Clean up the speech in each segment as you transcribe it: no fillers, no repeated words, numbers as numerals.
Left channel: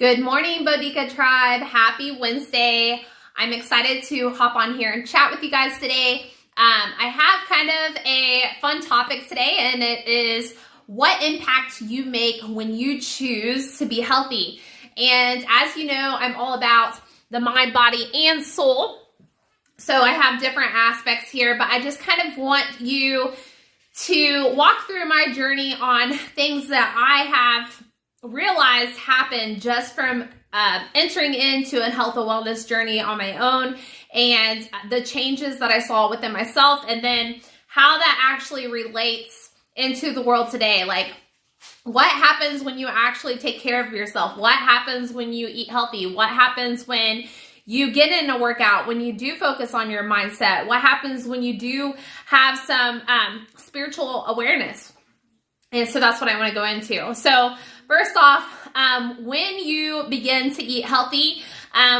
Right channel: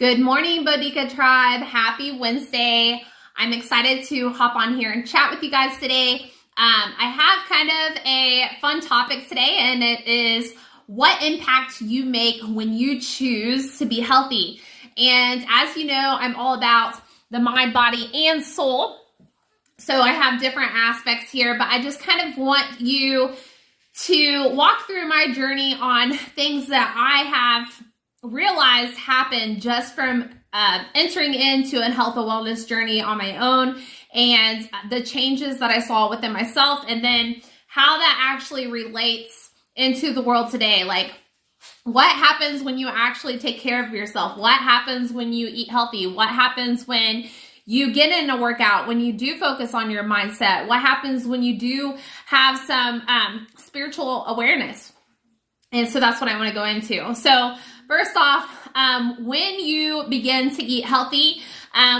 Good morning, Bodega Tribe. Happy Wednesday. I'm excited to hop on here and chat with you guys today. I have kind of a fun topic today, and it is what impact you make when you choose to be healthy. And as you know, I'm all about the mind, body, and soul. So I have different aspects here, but I just kind of want you to walk through my journey on things that I have realized happened just from entering into a health and wellness journey on my own, and the changes that I saw within myself, and then how that actually relates into the world today. Like, what happens when you actually take care of yourself? What happens when you eat healthy? What happens when you get in a workout, when you do focus on your mindset? What happens when you do have some spiritual awareness? And so that's what I want to go into. So first off, when you begin to eat healthy,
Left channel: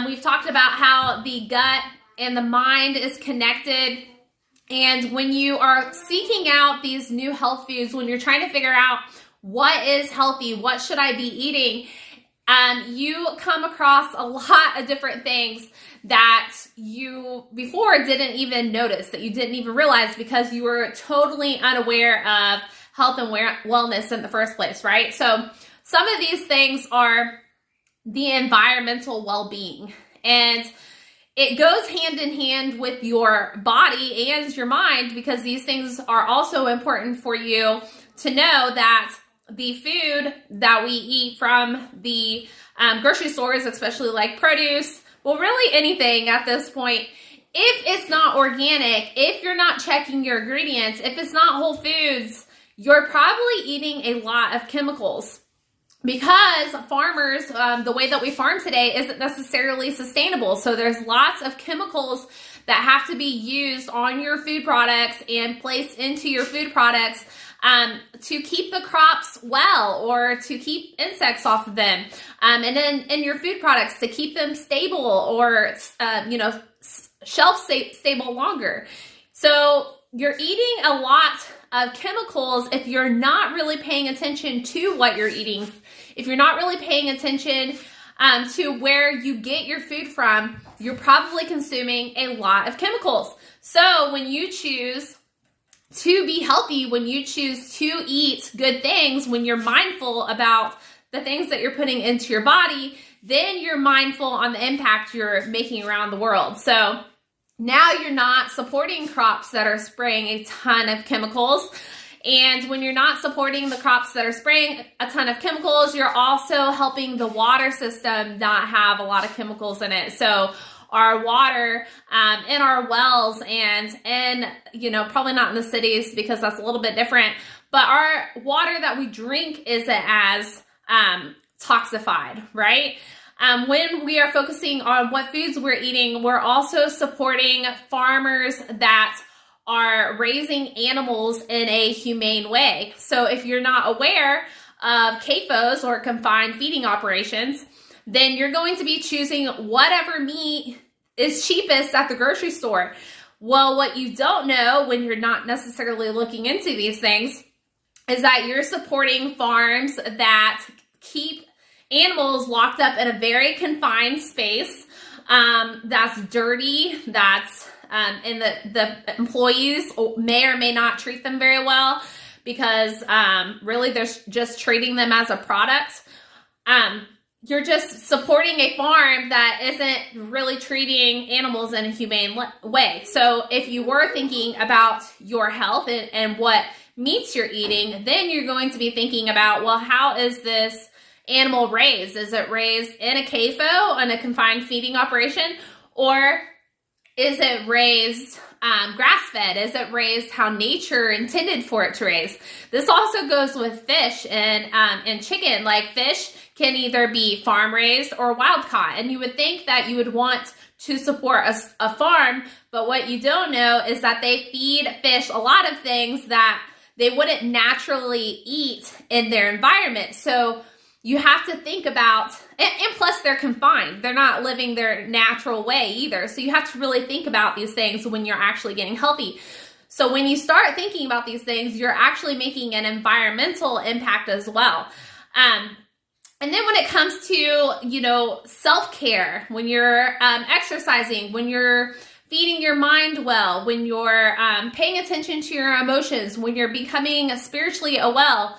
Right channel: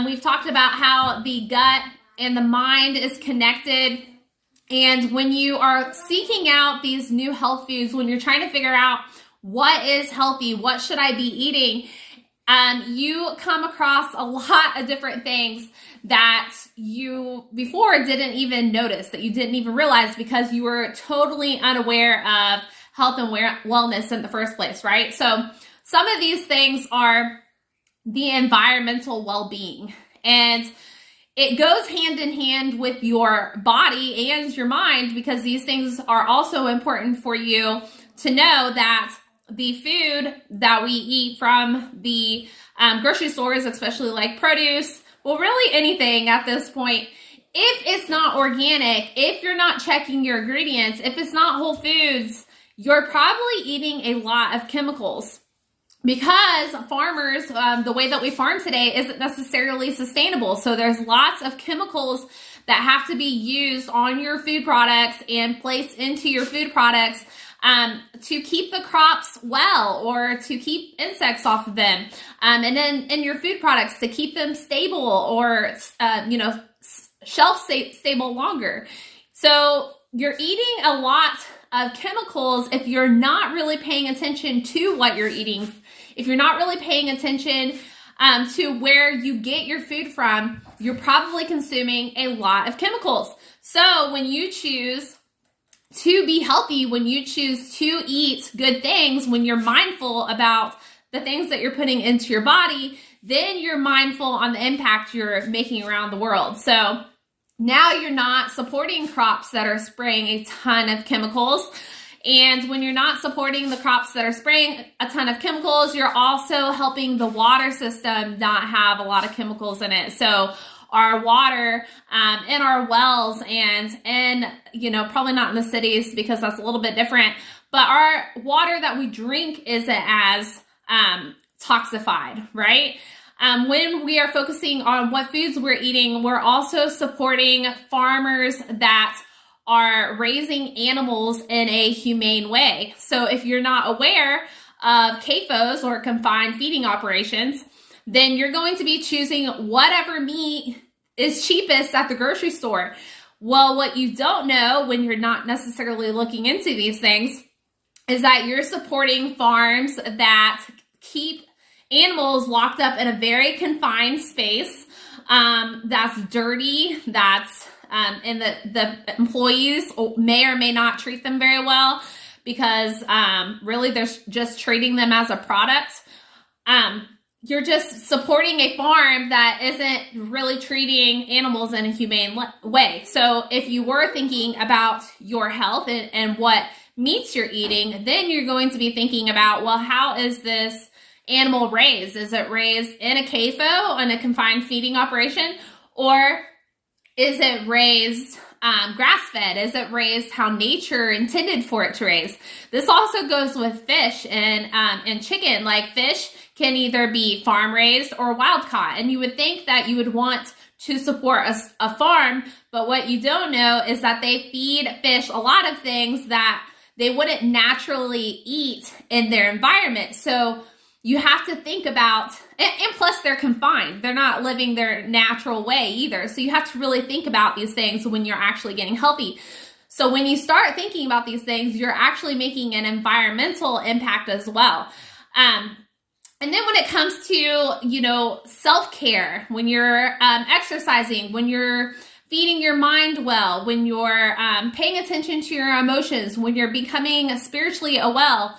we've talked about how the gut and the mind is connected. And when you are seeking out these new health foods, when you're trying to figure out what is healthy, what should I be eating, you come across a lot of different things that you before didn't even notice, that you didn't even realize, because you were totally unaware of health and wellness in the first place, right? So some of these things are the environmental well-being, and it goes hand in hand with your body and your mind, because these things are also important for you to know that the food that we eat from the grocery stores, especially like produce, well, really anything at this point, if it's not organic, if you're not checking your ingredients, if it's not whole foods, you're probably eating a lot of chemicals, because farmers, the way that we farm today isn't necessarily sustainable. So there's lots of chemicals that have to be used on your food products and placed into your food products to keep the crops well, or to keep insects off of them. And then in your food products to keep them stable, or, shelf stable longer. So you're eating a lot of chemicals if you're not really paying attention to what you're eating. If you're not really paying attention to where you get your food from, you're probably consuming a lot of chemicals. So when you choose to be healthy, when you choose to eat good things, when you're mindful about the things that you're putting into your body, then you're mindful on the impact you're making around the world. So now you're not supporting crops that are spraying a ton of chemicals. And when you're not supporting the crops that are spraying a ton of chemicals, you're also helping the water system not have a lot of chemicals in it. So our water in our wells, and probably not in the cities because that's a little bit different, but our water that we drink isn't as toxified, right? When we are focusing on what foods we're eating, we're also supporting farmers that are raising animals in a humane way. So if you're not aware of CAFOs, or confined feeding operations, then you're going to be choosing whatever meat is cheapest at the grocery store. Well, what you don't know when you're not necessarily looking into these things is that you're supporting farms that keep animals locked up in a very confined space, that's dirty, and the employees may or may not treat them very well, because really they're just treating them as a product. You're just supporting a farm that isn't really treating animals in a humane way. So if you were thinking about your health and what meats you're eating, then you're going to be thinking about, well, how is this animal raised? Is it raised in a CAFO, in a confined feeding operation? Or is it raised grass-fed? Is it raised how nature intended for it to raise? This also goes with fish and chicken. Like, fish can either be farm-raised or wild-caught. And you would think that you would want to support a farm, but what you don't know is that they feed fish a lot of things that they wouldn't naturally eat in their environment. So you have to think about, and plus they're confined. They're not living their natural way either. So you have to really think about these things when you're actually getting healthy. So when you start thinking about these things, you're actually making an environmental impact as well. And then when it comes to, self-care, when you're exercising, when you're feeding your mind well, when you're paying attention to your emotions, when you're becoming spiritually well,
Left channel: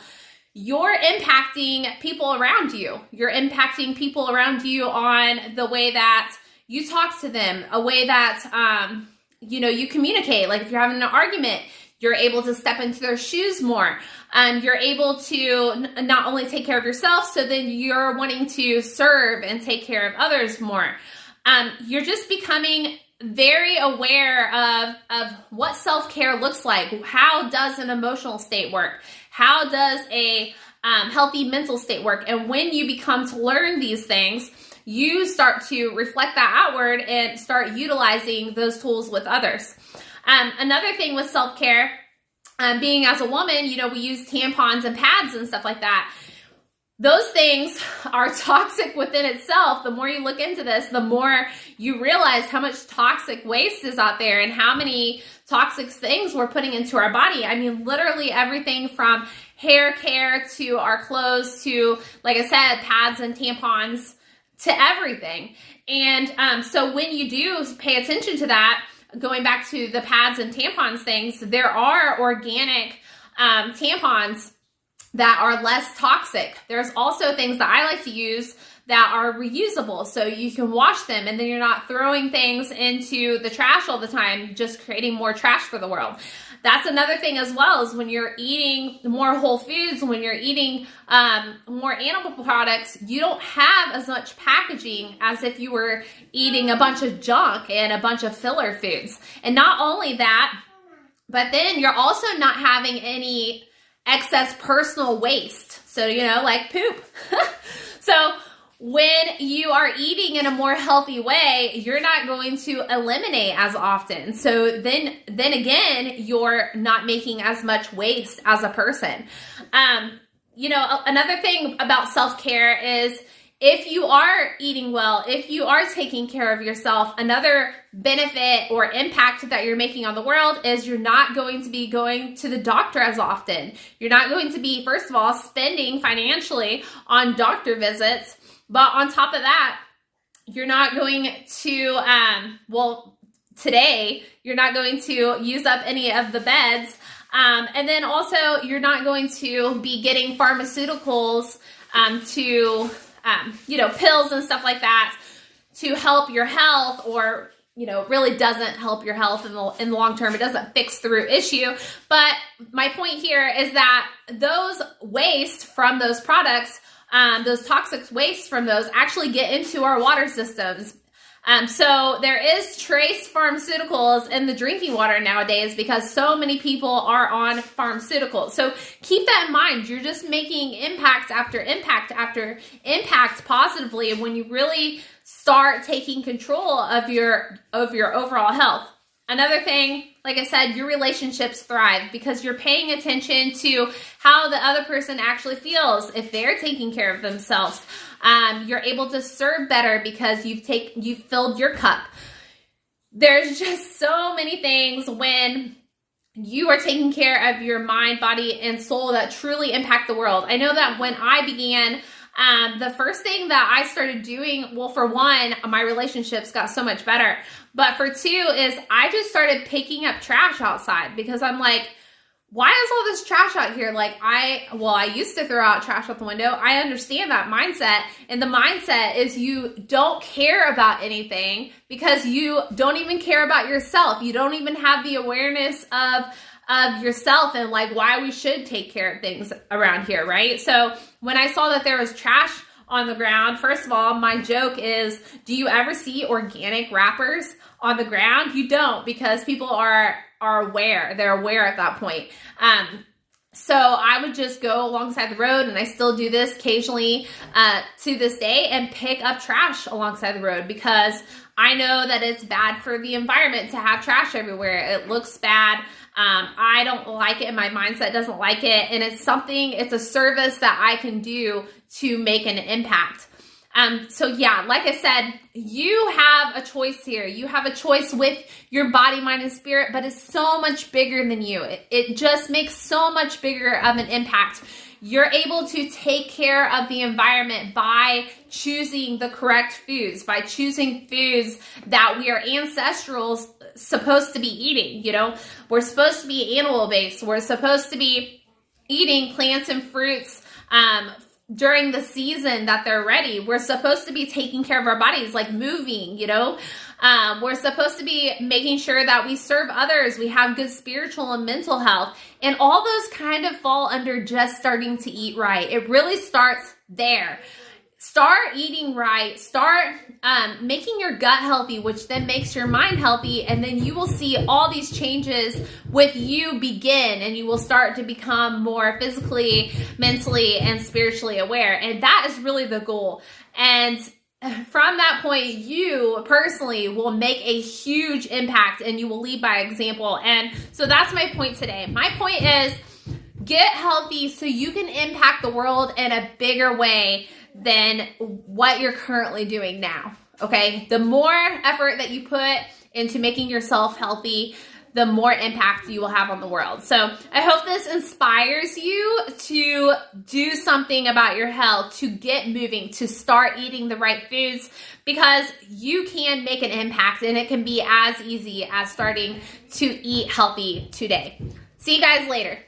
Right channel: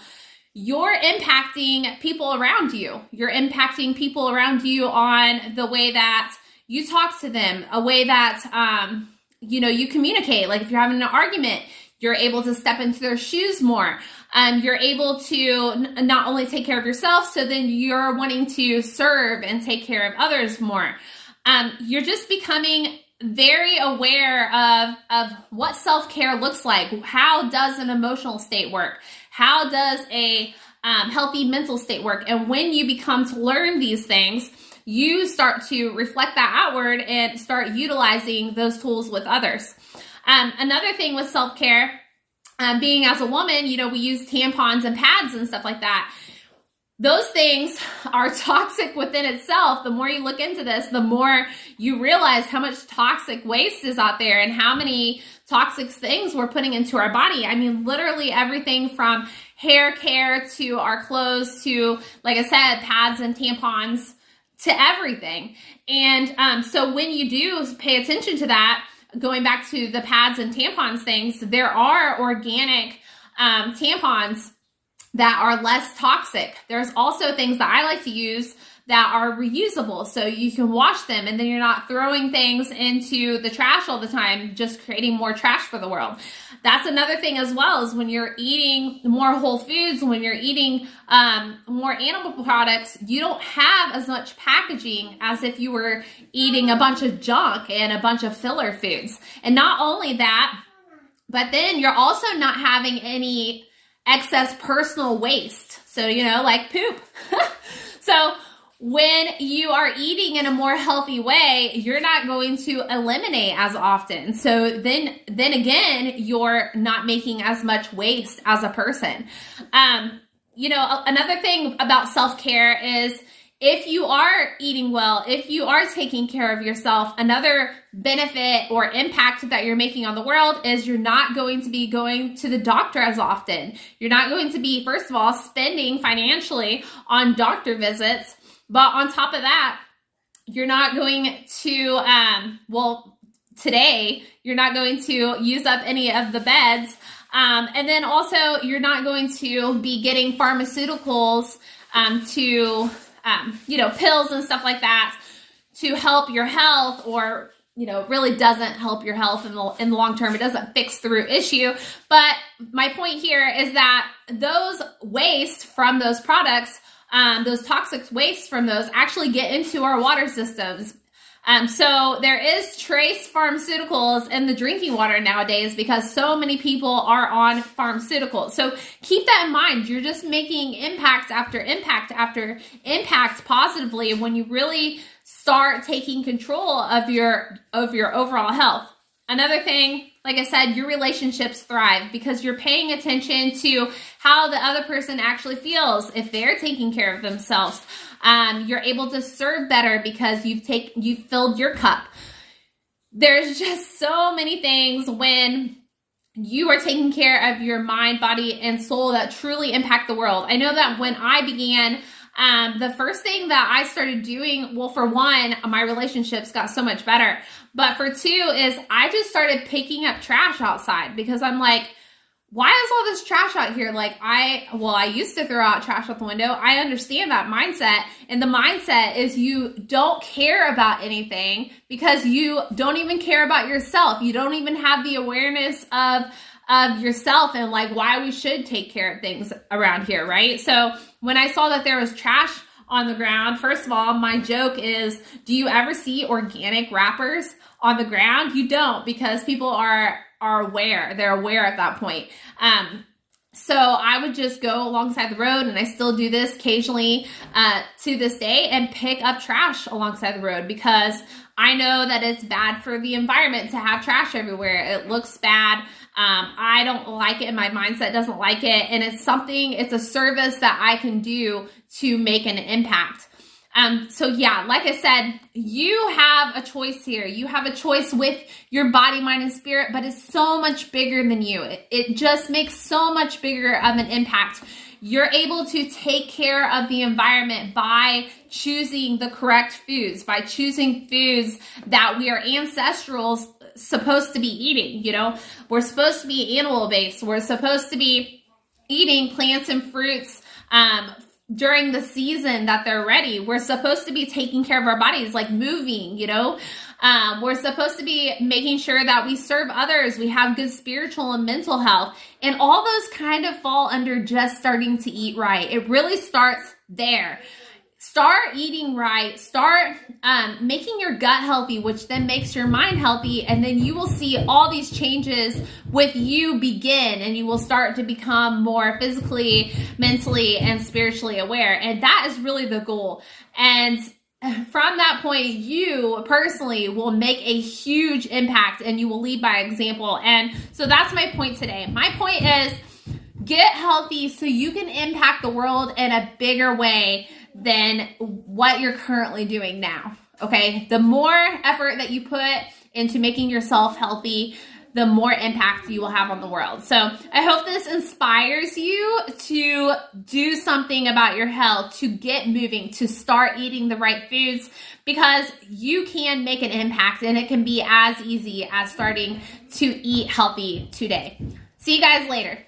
you're impacting people around you. You're impacting people around you on the way that you talk to them, a way that, you communicate. Like if you're having an argument, you're able to step into their shoes more. You're able to not only take care of yourself, so then you're wanting to serve and take care of others more. You're just becoming very aware of what self-care looks like. How does an emotional state work? How does a healthy mental state work? And when you become to learn these things, you start to reflect that outward and start utilizing those tools with others. Another thing with self-care, being as a woman, we use tampons and pads and stuff like that. Those things are toxic within itself. The more you look into this, the more you realize how much toxic waste is out there and how many toxic things we're putting into our body. I mean, literally everything from hair care to our clothes to, like I said, pads and tampons to everything. And so when you do pay attention to that, going back to the pads and tampons things, there are organic tampons that are less toxic. There's also things that I like to use that are reusable, so you can wash them and then you're not throwing things into the trash all the time, just creating more trash for the world. That's another thing as well, is when you're eating more whole foods, when you're eating more animal products, you don't have as much packaging as if you were eating a bunch of junk and a bunch of filler foods. And not only that, but then you're also not having any excess personal waste. So, like poop. So when you are eating in a more healthy way, you're not going to eliminate as often. So then again, you're not making as much waste as a person. Another thing about self-care is if you are eating well, if you are taking care of yourself, another benefit or impact that you're making on the world is you're not going to be going to the doctor as often. You're not going to be, first of all, spending financially on doctor visits. But on top of that, you're not going to, today, you're not going to use up any of the beds. And then also, you're not going to be getting pharmaceuticals pills and stuff like that to help your health, or, really doesn't help your health in the long term. It doesn't fix the root issue. But my point here is that those waste from those products, those toxic wastes from those actually get into our water systems. So there is trace pharmaceuticals in the drinking water nowadays because so many people are on pharmaceuticals. So keep that in mind. You're just making impact after impact after impact positively when you really start taking control of your overall health. Another thing, like I said, your relationships thrive because you're paying attention to how the other person actually feels if they're taking care of themselves. You're able to serve better because you've filled your cup. There's just so many things when you are taking care of your mind, body, and soul that truly impact the world. I know that when I began, the first thing that I started doing, well, for one, my relationships got so much better. But for two is I just started picking up trash outside because I'm like, why is all this trash out here? Like I used to throw out trash out the window. I understand that mindset. And the mindset is you don't care about anything because you don't even care about yourself. You don't even have the awareness of yourself and like why we should take care of things around here, right? So when I saw that there was trash on the ground, first of all, my joke is, do you ever see organic wrappers on the ground? You don't, because people are aware. They're aware at that point. So I would just go alongside the road, and I still do this occasionally to this day, and pick up trash alongside the road because I know that it's bad for the environment to have trash everywhere. It looks bad. I don't like it. My mindset doesn't like it. And it's a service that I can do to make an impact. So yeah, like I said, you have a choice here. You have a choice with your body, mind, and spirit, but it's so much bigger than you. It just makes so much bigger of an impact. you're able to take care of the environment by choosing the correct foods, by choosing foods that we are ancestrals supposed to be eating. You know, we're supposed to be animal based. We're supposed to be eating plants and fruits during the season that they're ready. We're supposed to be taking care of our bodies, like moving, you know. We're supposed to be making sure that we serve others. We have good spiritual and mental health. And all those kind of fall under just starting to eat right. It really starts there. Start eating right. Start making your gut healthy, which then makes your mind healthy. And then you will see all these changes with you begin, and you will start to become more physically, mentally, and spiritually aware. And that is really the goal. And from that point, you personally will make a huge impact, and you will lead by example. And so that's my point today. My point is get healthy so you can impact the world in a bigger way than what you're currently doing now. Okay. The more effort that you put into making yourself healthy, the more impact you will have on the world. So I hope this inspires you to do something about your health, to get moving, to start eating the right foods, because you can make an impact, and it can be as easy as starting to eat healthy today. See you guys later.